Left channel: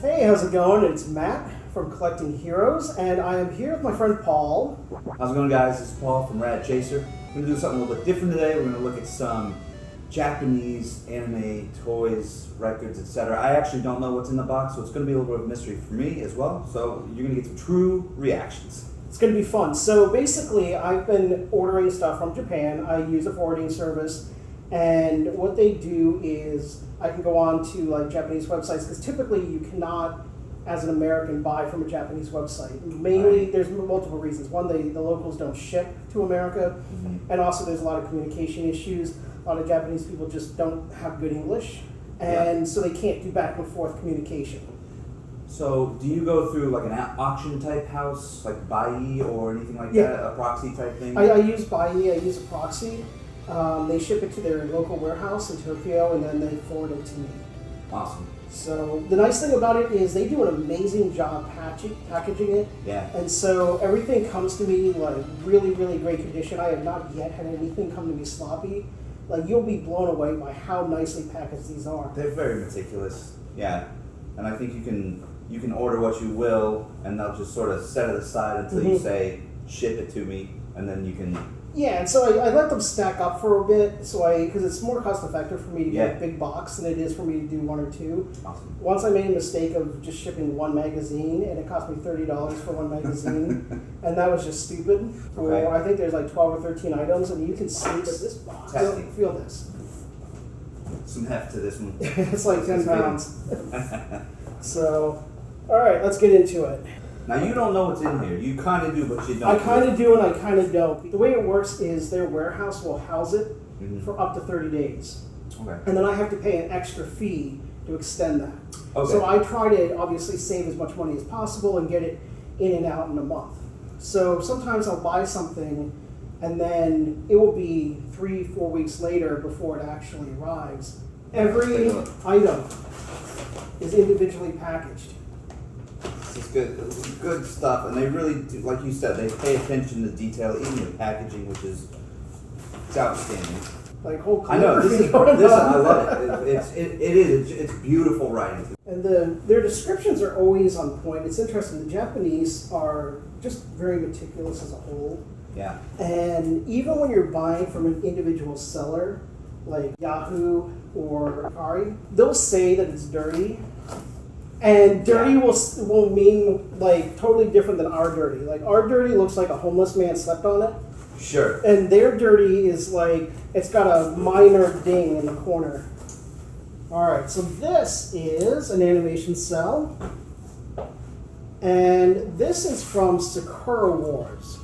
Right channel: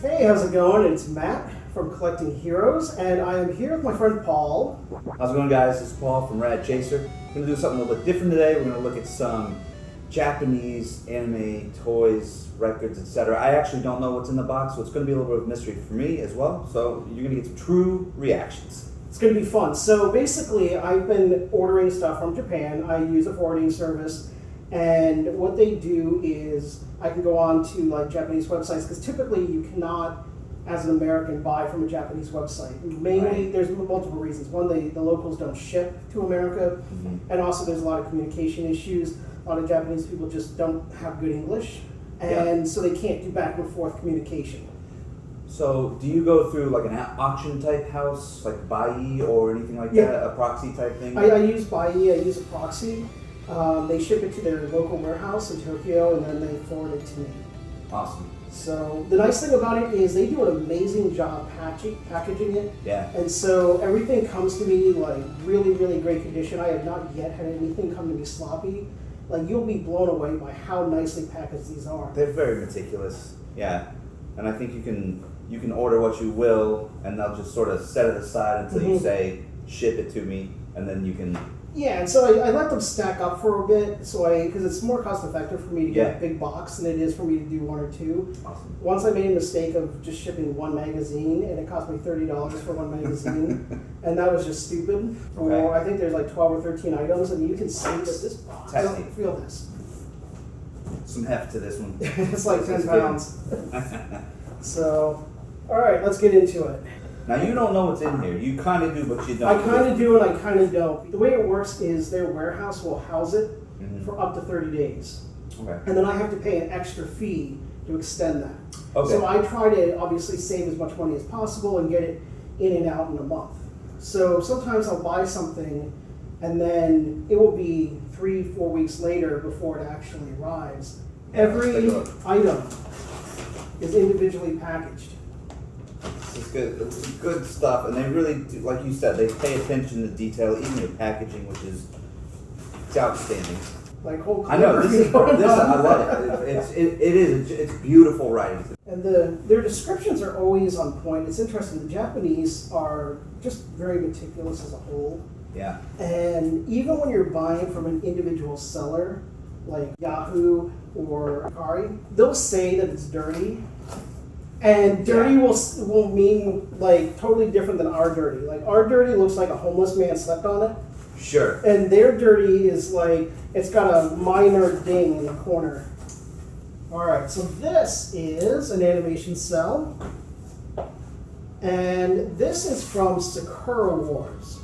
Hey, how's it going? It's Matt from Collecting Heroes, and I am here with my friend Paul. How's it going, guys? This is Paul from Rad Chaser. We're going to do something a little bit different today. We're going to look at some Japanese anime toys, records, etc. I actually don't know what's in the box, so it's going to be a little bit of mystery for me as well. So you're going to get some true reactions. It's going to be fun. So basically, I've been ordering stuff from Japan. I use a forwarding service, and what they do is I can go on to like Japanese websites, because typically you cannot, as an American, buy from a Japanese website. Mainly, there's multiple reasons. One, the locals don't ship to America, and also there's a lot of communication issues. A lot of Japanese people just don't have good English, and so they can't do back and forth communication. So do you go through like an auction type house, like Bai or anything like that, a proxy type thing? I use Bai, I use a proxy. They ship it to their local warehouse in Tokyo, and then they forward it to me. Awesome. So the nice thing about it is they do an amazing job packaging it. Yeah. And so everything comes to me like really, really great condition. I have not yet had anything come to me sloppy. Like, you'll be blown away by how nicely packaged these are. They're very meticulous. Yeah. And I think you can order what you will, and they'll just sort of set it aside until you say, ship it to me, and then you can... Yeah, and so I let them stack up for a bit, because it's more cost effective for me to get a big box than it is for me to do one or two. Awesome. Once I made a mistake of just shipping one magazine, and it cost me $30 for one magazine, and that was just stupid. Or I think there's like 12 or 13 items, and you can see that this box, feel this. Some heft to this one. It's like 10 pounds. So, all right, let's get into it. Now, you don't know what's in here. You kind of do, but you don't. I kind of do, and I kind of don't. The way it works is their warehouse will house it for up to 30 days. Okay. And then I have to pay an extra fee to extend that. Okay. So I try to obviously save as much money as possible and get it in and out in a month. So sometimes I'll buy something, and then it will be 3-4 weeks later before it actually arrives. Every item is individually packaged. It's good stuff, and they really do, like you said, they pay attention to detail, even the packaging, which is outstanding. Like whole I know this. I love it. It's beautiful writing. And their descriptions are always on point. It's interesting. The Japanese are just very meticulous as a whole. Yeah. And even when you're buying from an individual seller, like Yahoo or Akari, they'll say that it's dirty. And dirty will mean like totally different than our dirty. Like our dirty looks like a homeless man slept on it. Sure. And their dirty is like, it's got a minor ding in the corner. Alright, so this is an animation cell. And this is from Sakura Wars,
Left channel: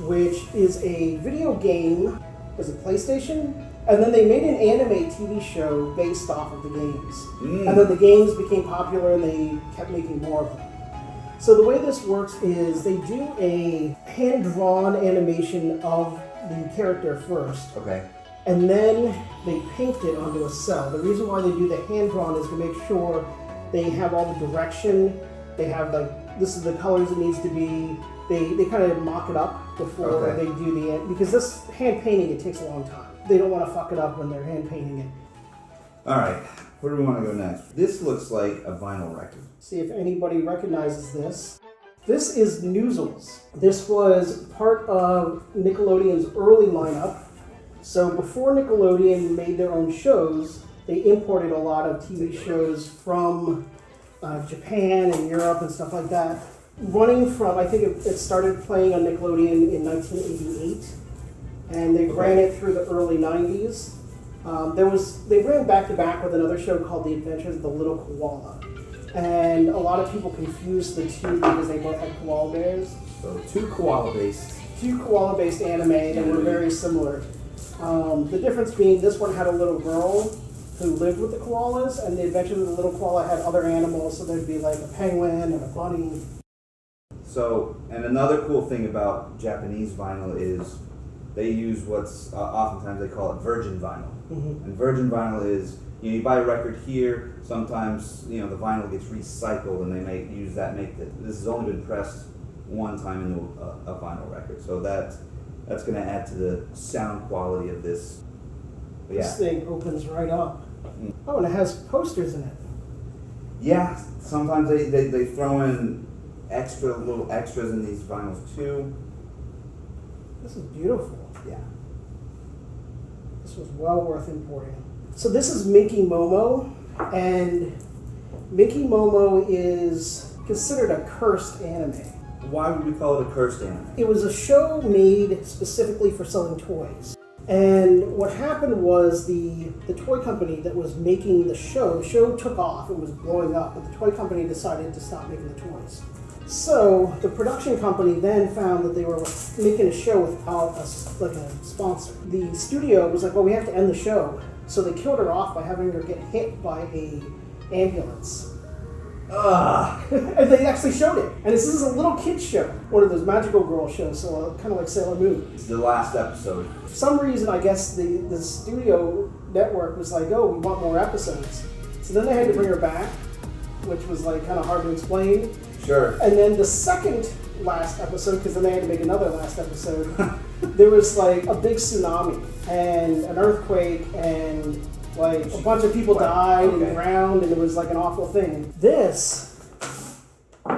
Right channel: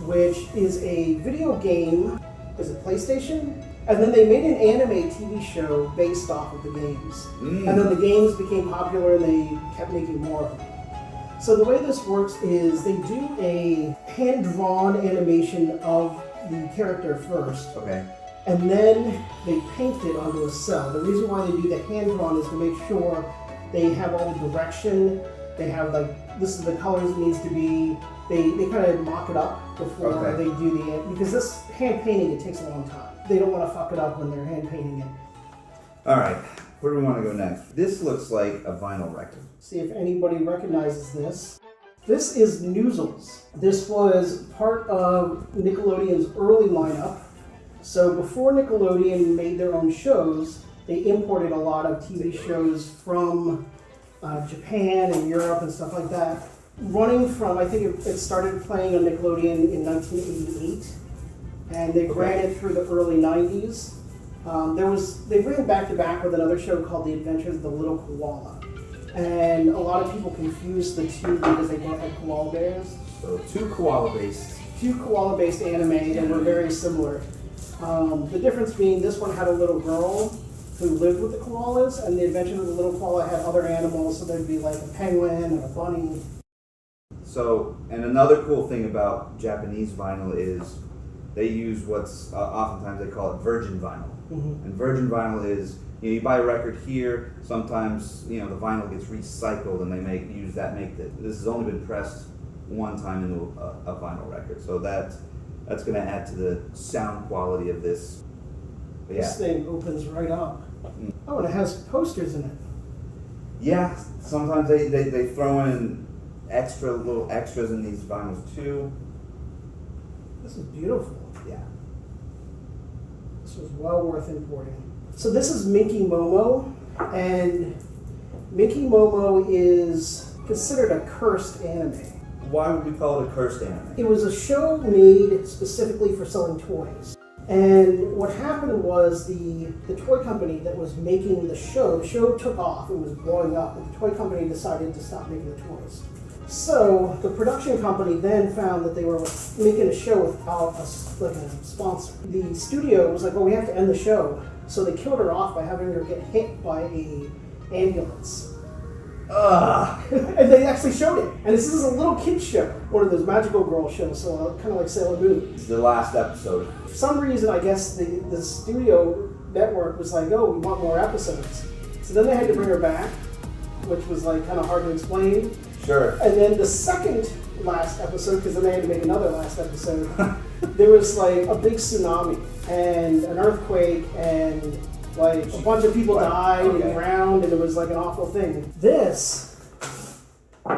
which is a video game. Is it PlayStation? And then they made an anime TV show based off of the games. And then the games became popular and they kept making more of them. So the way this works is they do a hand-drawn animation of the character first. Okay. And then they paint it onto a cell. The reason why they do the hand-drawn is to make sure they have all the direction. They have like, this is the colors it needs to be. They kind of mock it up before they do the, because this hand painting, it takes a long time. They don't want to fuck it up when they're hand painting it. All right, where do we want to go next? This looks like a vinyl record. See if anybody recognizes this. This is Noozles. This was part of Nickelodeon's early lineup. So before Nickelodeon made their own shows, they imported a lot of TV shows from Japan and Europe and stuff like that. Running from, I think it started playing on Nickelodeon in 1988. And they ran it through the early 90s. They ran back to back with another show called The Adventures of the Little Koala. And a lot of people confused the two because they both had koala bears. So two koala-based anime that were very similar. The difference being this one had a little girl who lived with the koalas, and The Adventures of the Little Koala had other animals, so there'd be like a penguin and a bunny. So, and another cool thing about Japanese vinyl is they use what's oftentimes they call it virgin vinyl. And virgin vinyl is, you buy a record here, sometimes the vinyl gets recycled and they use that. This has only been pressed one time into a vinyl record, so that's going to add to the sound quality of this. But This thing opens right up. Oh, and it has posters in it. Yeah, sometimes they throw in little extras in these vinyls too. This is beautiful. Yeah. This was well worth importing. So this is Minky Momo, and Minky Momo is considered a cursed anime. Why would we call it a cursed anime? It was a show made specifically for selling toys. And what happened was the toy company that was making the show took off, it was blowing up, but the toy company decided to stop making the toys. So the production company then found that they were making a show without a sponsor. The studio was like, well, we have to end the show. So they killed her off by having her get hit by an ambulance. And they actually showed it. And this is a little kid's show, one of those magical girl shows, so kind of like Sailor Moon. It's the last episode. For some reason, I guess the studio network was like, oh, we want more episodes. So then they had to bring her back, which was like kind of hard to explain. Sure. And then the second last episode, because then they had to make another last episode, there was like a big tsunami and an earthquake and like a bunch of people died and drowned, and it was like an awful thing. This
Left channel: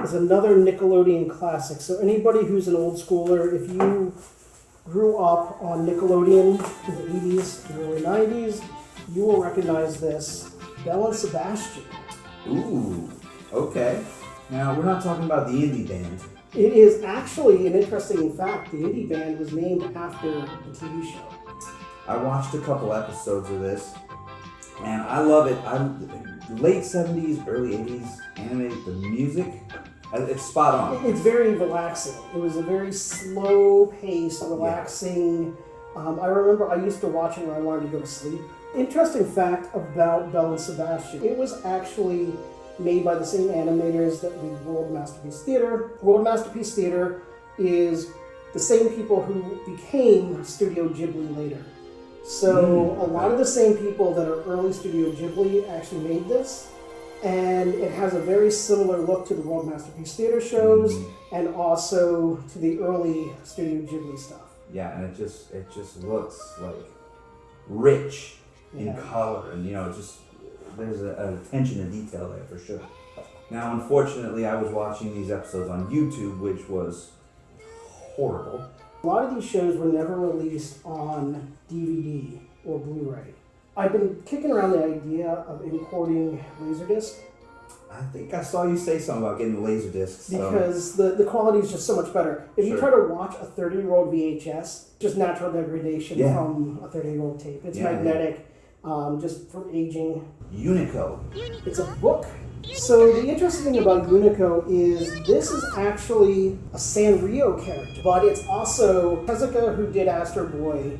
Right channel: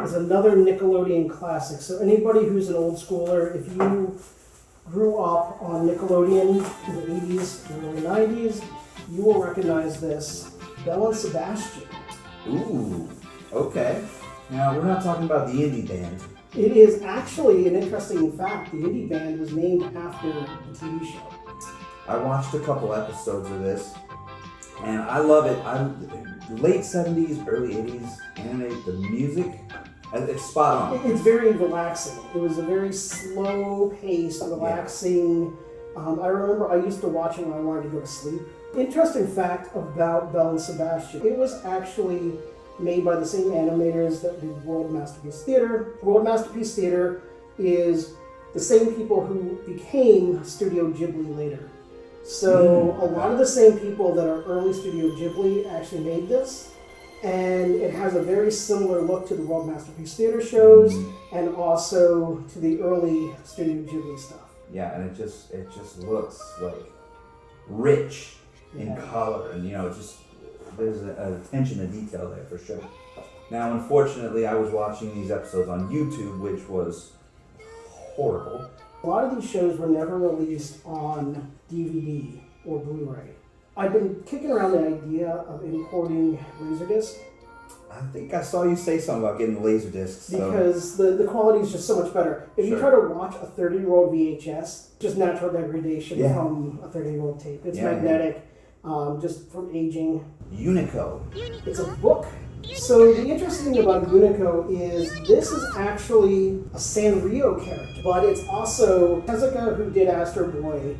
is another Nickelodeon classic. So anybody who's an old schooler, if you grew up on Nickelodeon in the 80s and early 90s, you will recognize this. Belle Sebastian. Ooh, okay. Now, we're not talking about the indie band. It is actually an interesting fact. The indie band was named after the TV show. I watched a couple episodes of this, and I love it. Late 70s, early 80s anime, the music, it's spot on. It's very relaxing. It was a very slow-paced, relaxing. I remember I used to watch it when I wanted to go to sleep. Interesting fact about Belle Sebastian. It was actually made by the same animators that did World Masterpiece Theater. World Masterpiece Theater is the same people who became Studio Ghibli later. So a lot of the same people that are early Studio Ghibli actually made this. And it has a very similar look to the World Masterpiece Theater shows and also to the early Studio Ghibli stuff. Yeah, and it just looks like rich in color, and there's a attention to detail there for sure. Now, unfortunately, I was watching these episodes on YouTube, which was horrible. A lot of these shows were never released on DVD or Blu-ray. I've been kicking around the idea of importing Laserdisc. I think I saw you say something about getting Laserdiscs. Because the quality is just so much better. If you try to watch a 30-year-old VHS, just natural degradation from a 30-year-old tape. It's magnetic, just from aging. Unico. It's a book. So the interesting thing about Unico is this is actually a Sanrio character, but it's also Tezuka, who did Astro Boy,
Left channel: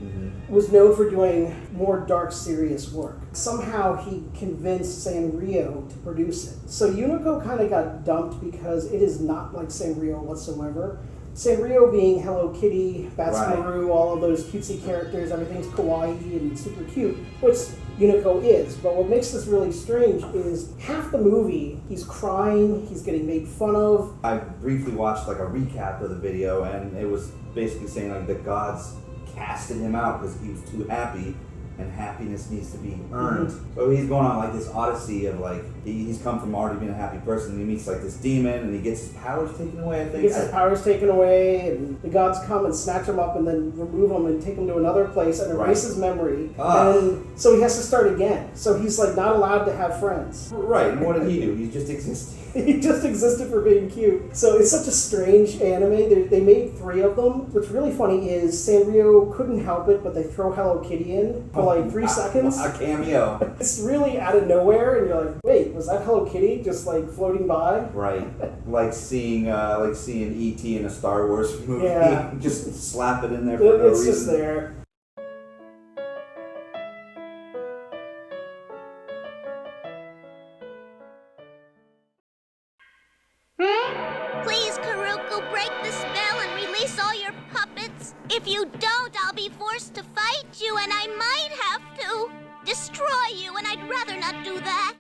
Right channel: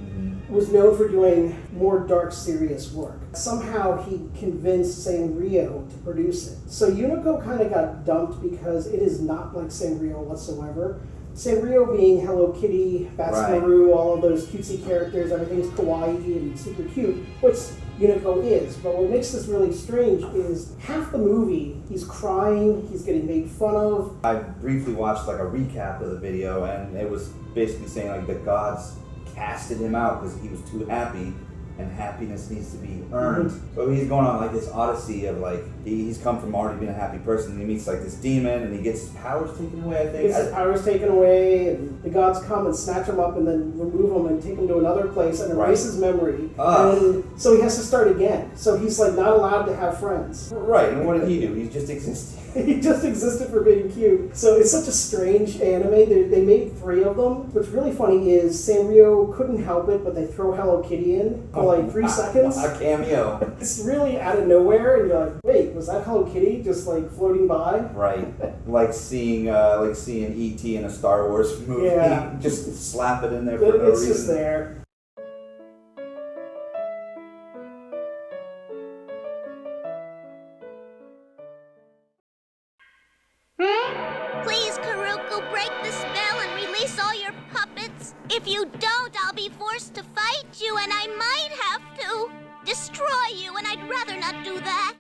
was known for doing more dark, serious work. Somehow he convinced Sanrio to produce it. So Unico kind of got dumped because it is not like Sanrio whatsoever. Sanrio being Hello Kitty, Batsumaru, all of those cutesy characters, everything's kawaii and super cute, which Unico is. But what makes this really strange is half the movie, he's crying, he's getting made fun of. I briefly watched like a recap of the video, and it was basically saying like the gods casted him out because he was too happy, and happiness needs to be earned. So he's going on like this odyssey of like, he's come from already being a happy person, and he meets like this demon, and he gets his powers taken away, I think. He gets his powers taken away, and the gods come and snatch him up and then remove him and take him to another place and erase his memory. And so he has to start again. So he's like not allowed to have friends. Right, and what did he do? He's just existing. He just existed for being cute. So it's such a strange anime. They made 3 of them. What's really funny is Sanrio couldn't help it, but they throw Hello Kitty in for like 3 seconds. A cameo. It's really out of nowhere, and you're like, wait, was that Hello Kitty just like floating by? Right, like seeing E.T. in a Star Wars movie. Yeah. Just slap it in there for no reason. It's just there. Please, Karuku, break the spell and release all your puppets. If you don't, I'll be forced to fight you, and I might have to destroy you, and I'd rather not do that.